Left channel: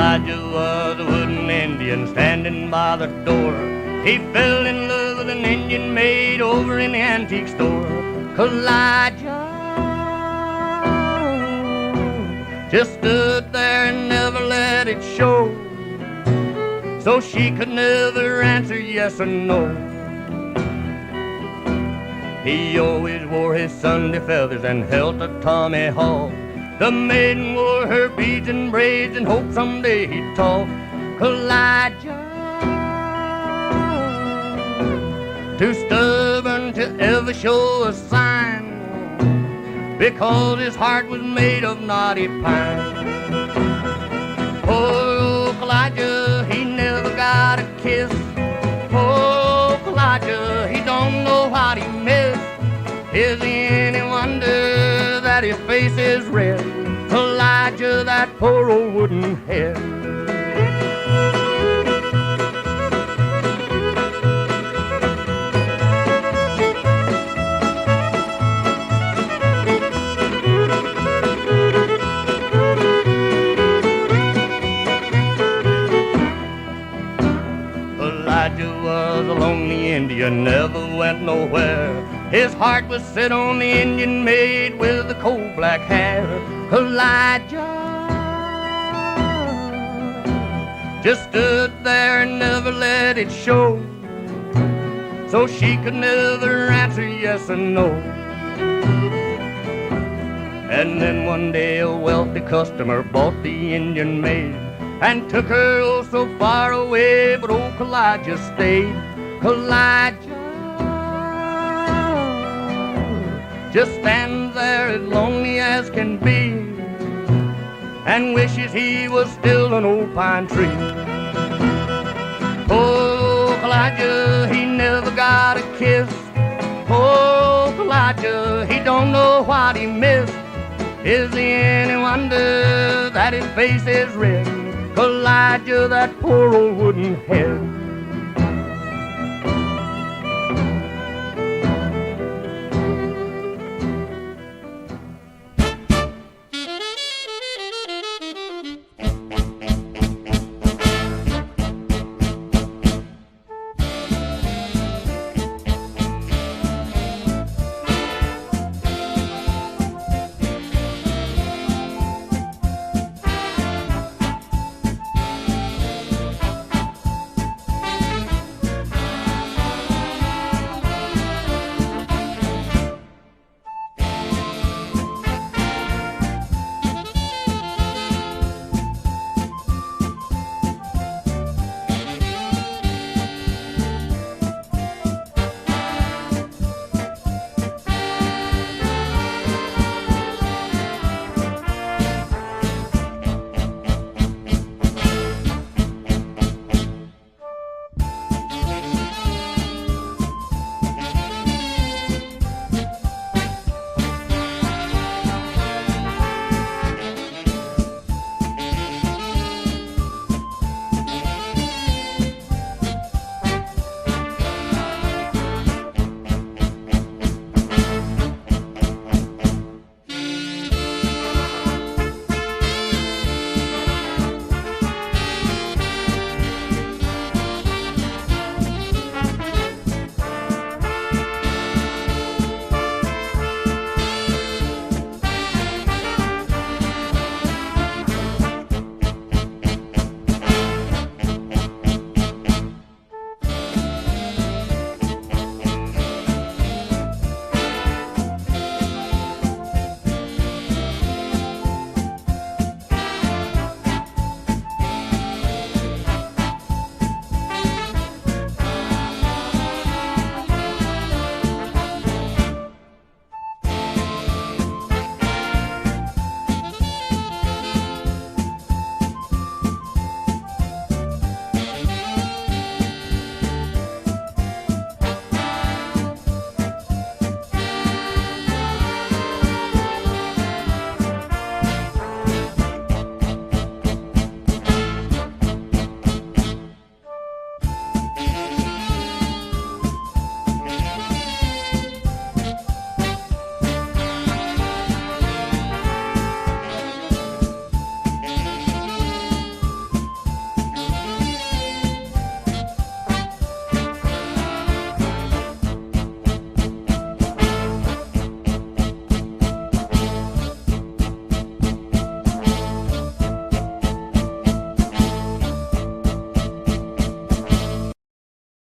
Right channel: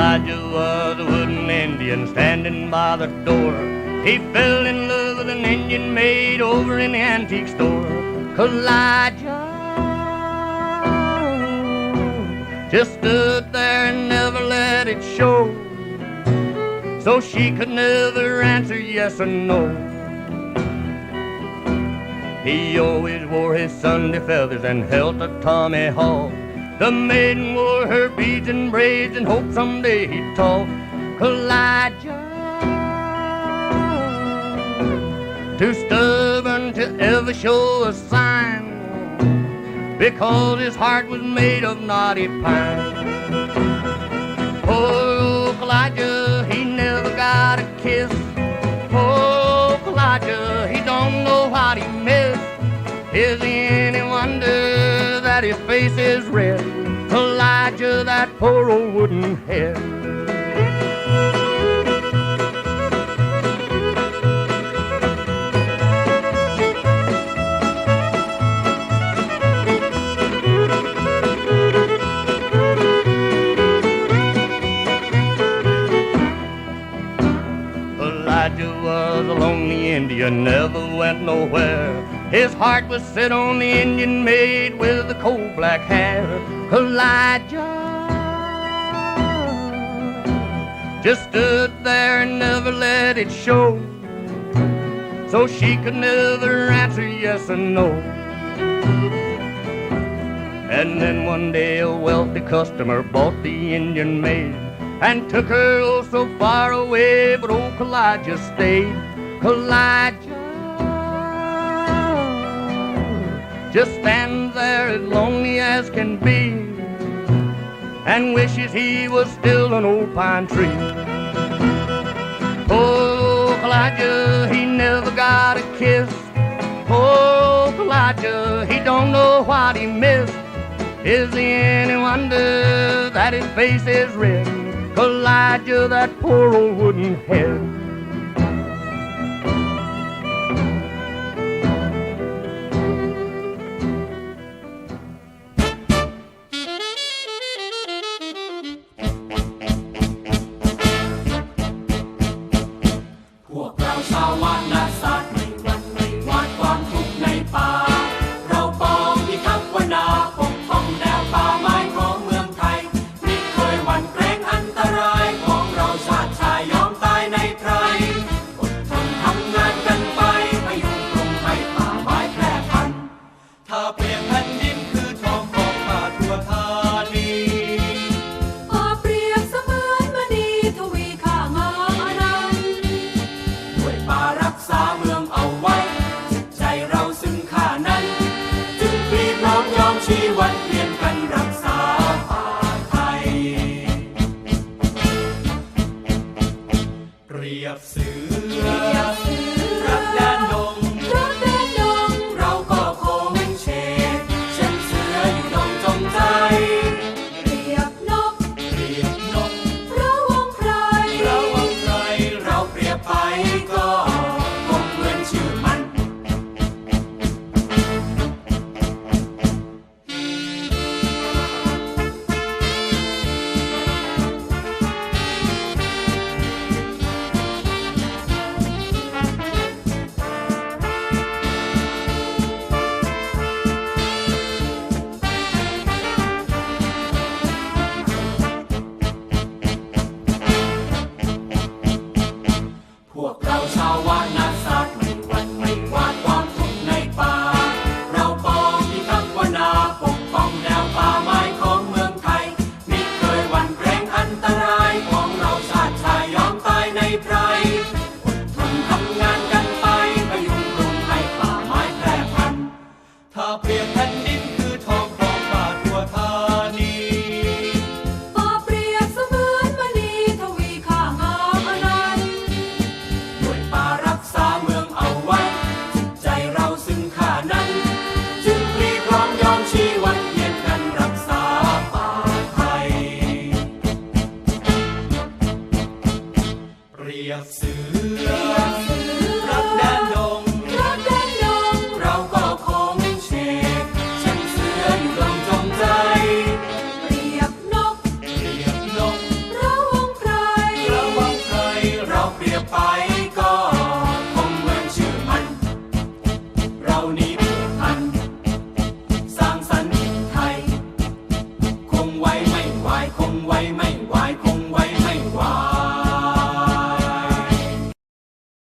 Elijah was a wooden Indian standing by the door. He fell in love with an Indian maid over in the antique store. Elijah just stood there and never let it show. So she could never answer yes or no. He always wore his Sunday feathers and held a Tommy Hawk. The maiden wore her beads and braids and hoped someday he'd talk. Elijah, too stubborn to ever show a sign, because his heart was made of knotty pine. Poor Elijah, his face is red? Elijah, that poor old wooden head. Elijah was a lonely Indian, never went nowhere. His heart was set on the Indian maid with the coal black hair. Elijah just stood there and never let it show. So she could never answer yes or no. And then one day a wealthy customer bought the Indian maid and took her oh so far away, but old Elijah stayed. Elijah just stands there as lonely as can be and wishes he was still an old pine tree. Oh, Elijah, he never got a kiss. Oh, Elijah, he don't know what he missed. Is he any wonder that his face is red? Elijah, that poor old wooden head.